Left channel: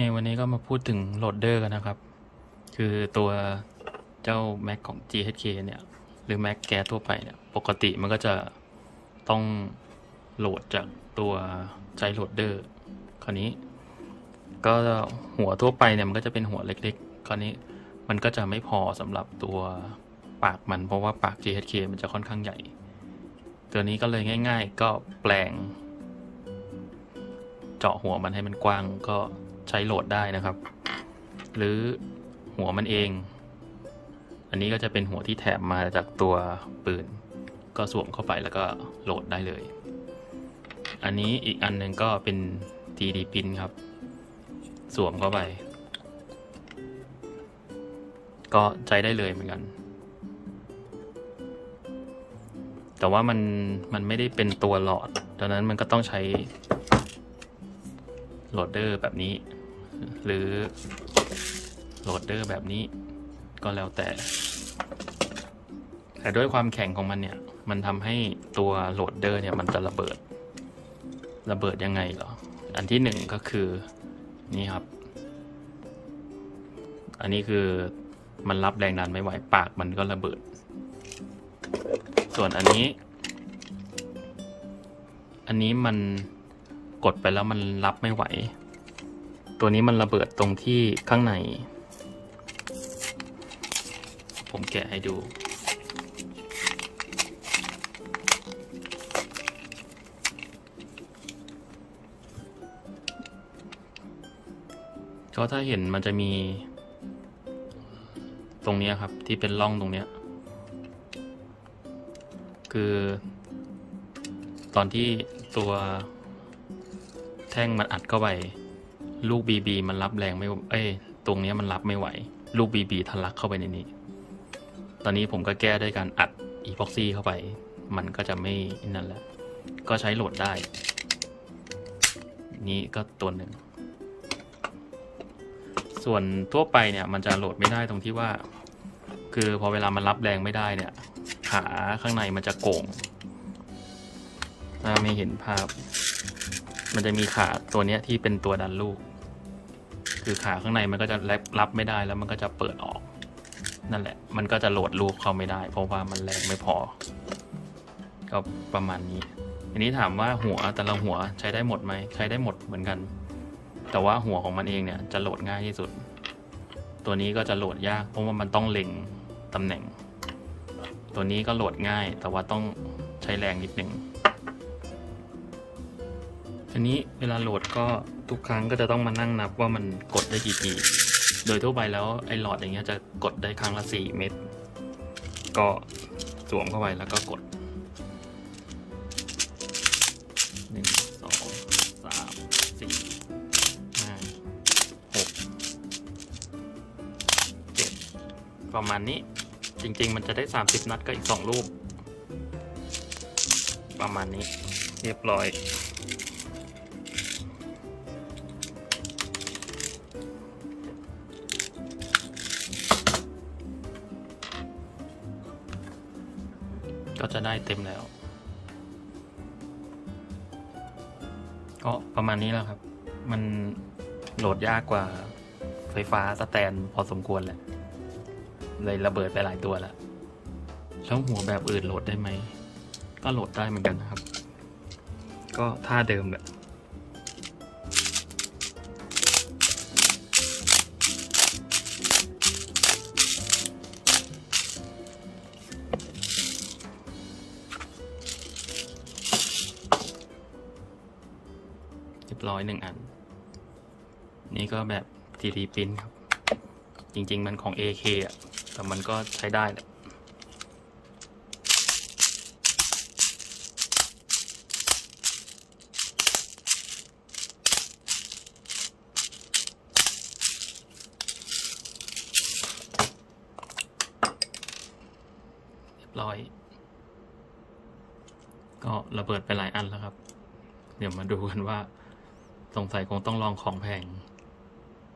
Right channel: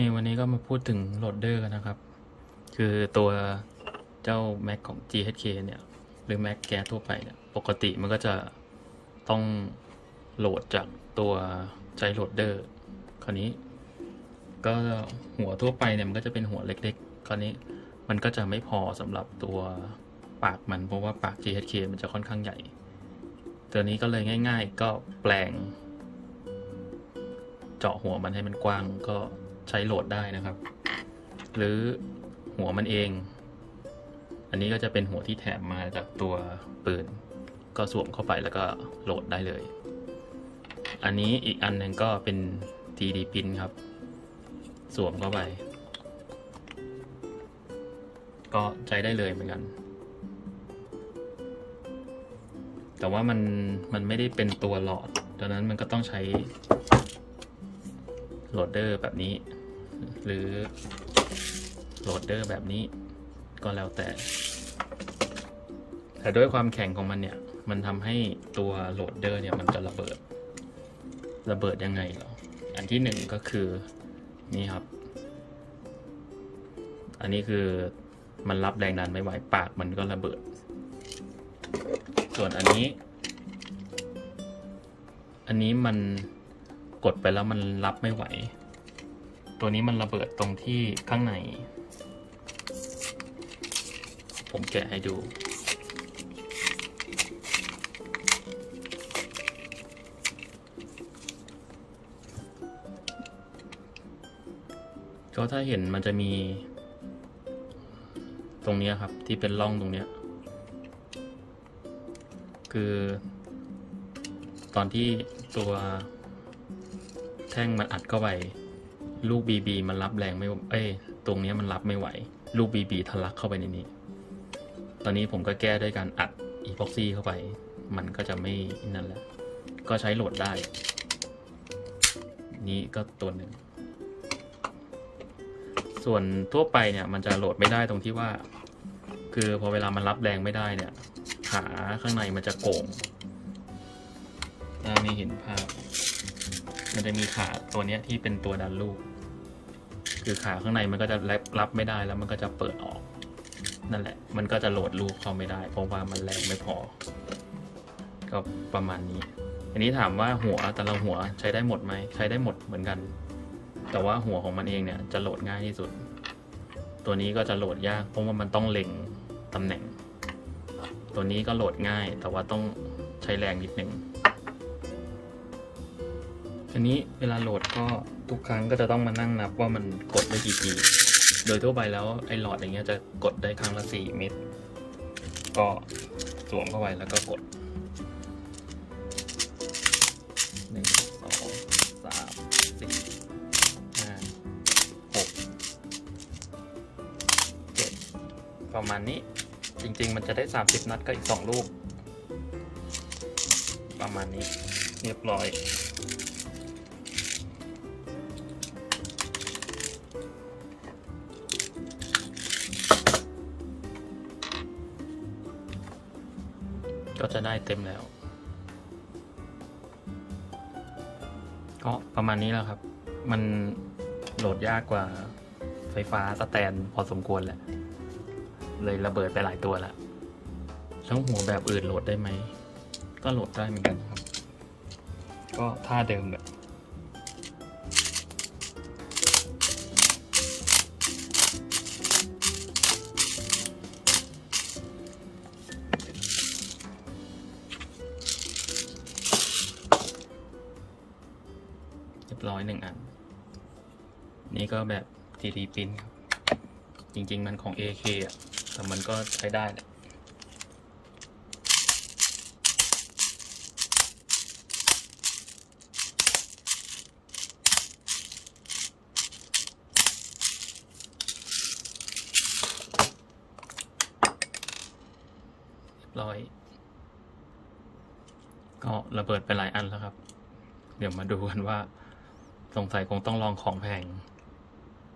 นี่วันนี้ก็มาพูดถึงโหลดเดอร์กันนะครับ คือตัวเจ้า Mac ของ GHK เนี่ย หรือ Mac แกทั่วไปเนี่ย ปกติมันก็จะต้องโหลดจากตัวใจโหลดเดอร์ คราวนี้ ก็หัวทั่วไปเนี่ย มันก็จะเป็นหัวเล็กๆ คราวนี้มันก็จะไม่พอสำหรับตัวปากมัน เพราะว่าปาก GHK มันจะค่อนข้างใหญ่ ตัวนี้ก็เลยง่าย ๆ ก็แปลง เจาะหัวมันให้มันกว้างก็ ใช้โหลดได้นะครับ หรือหัวมันเอง อันนี้ก็จะเป็นหัวที่แถมมาจากตัวปืน ก็สวมเข้าไปแล้วก็โหลดได้เลย อันนี้อีกอันหนึ่งก็เป็น 3D pin ครับ สวมเข้าไป ก็ใช้ได้เลยเหมือนกันแต่ว่ามันมันไม่ได้เป็นตัวหลอด ดังนั้นมันก็ต้องใช้ โหลดเดอร์แบบนี้ หรือโหลดเดอร์แบบนี้ ก็แล้วแต่ แต่ด้วยความแข็งของมันเนี่ย มันทำให้ตัวโหลดเดอร์เนี่ยมันจะระเบิด ระเบิดยังไงเหรอ อันที่หนึ่งก็คือนี่ครับ อันนี้คือมันรับแรงดันไม่ไหวปากมันก็ระเบิด ส่วนอันนี้ อันนี้มัน กดไปแล้วมันรับไม่ไหว ตัวนี้มันระเบิดตรงที่ข้างใน ผมแกะให้ดูก็ถ้าเห็นมันจะมี ตรงนี้ครับที่เป็นร่องตรงนี้ คือ ตอนที่ตัว แท่งมันอัดเข้าไป ลูกบีบีมันรับแรงไม่ เอ้ย ตรงนี้มันรับไม่ไหว ลูกบีบีทะลักเข้าไปในนี้ ตอนนี้ผมก็แก้ด้วยการอัดอีพ็อกซี่เข้าไป มันก็จะไม่นั่นแหละ ก็ใช้โหลดได้ นี้ก็ตัวหนึ่ง ส่วนทั่วไปเนี่ย มันจะโหลดไม่ได้ตรงที่ว่า คือพอเวลามันรับแรงไม่ได้เนี่ย ขาข้างในมันจะโก่งถ้าไม่เห็นภาพ มันจะมีขาตัวเนี้ยที่เป็นตัวดันลูก คือขาข้างในมันก็จะรับรับไม่ได้แล้วมันก็จะเปิดออก นั่นแหละ มันก็จะโหลดลูกเข้าไม่ได้ เพราะว่ามันแรงไม่พอ ก็ประมาณนี้ อันนี้ถามว่าหัวแต่ละหัวใช้ได้หมดไหมใช้ได้หมดเหมือนกัน แต่ว่าหัวของมันเองเนี่ยจะโหลดง่ายที่สุด ตัวนี้ก็จะโหลดยากเพราะว่ามันต้องเล็งตำแหน่ง ตัวนี้ก็โหลดง่าย แต่ว่าต้องใช้แรงนิดนึง อันนี้เวลาโหลดก็ทุกครั้งก็จะต้องมานั่งนับว่ามันกดได้กี่ที โดยทั่วไปแล้วไอ้หลอดอย่างเงี้ยจะกดได้ครั้งละ 4 เม็ด ก็สวมเข้าไปแล้วก็กดหนึ่งสองสามสี่หกเจ็ดประมาณนี้จริง ๆ มันจะได้ 30 นัดก็อีก2ลูกประมาณนี้เรียบร้อย ก็จะได้เต็มแล้ว ก็ประมาณนี้แล้วครับ มันโหลดยากกว่าไฟฟ้าสแตนพอสมควรแหละ เลยระเบิดไปหลายตัวแล้วแล้วหัวแบบอื่นโหลดได้ไหม ก็โหลดได้เหมือนกันนะครับ ก็ท่าเดิมแบบ รียบร้อยหนึ่งอัน นี่ก็แบบ 3D print ครับ จริง ๆ มันของ AK อะ แต่มันก็ใช้ได้แหละเรียบร้อย ก็ระเบิดไปหลายอันแล้วครับ เดี๋ยวมาดูกันว่า สงสัยคงต้องลองของแพง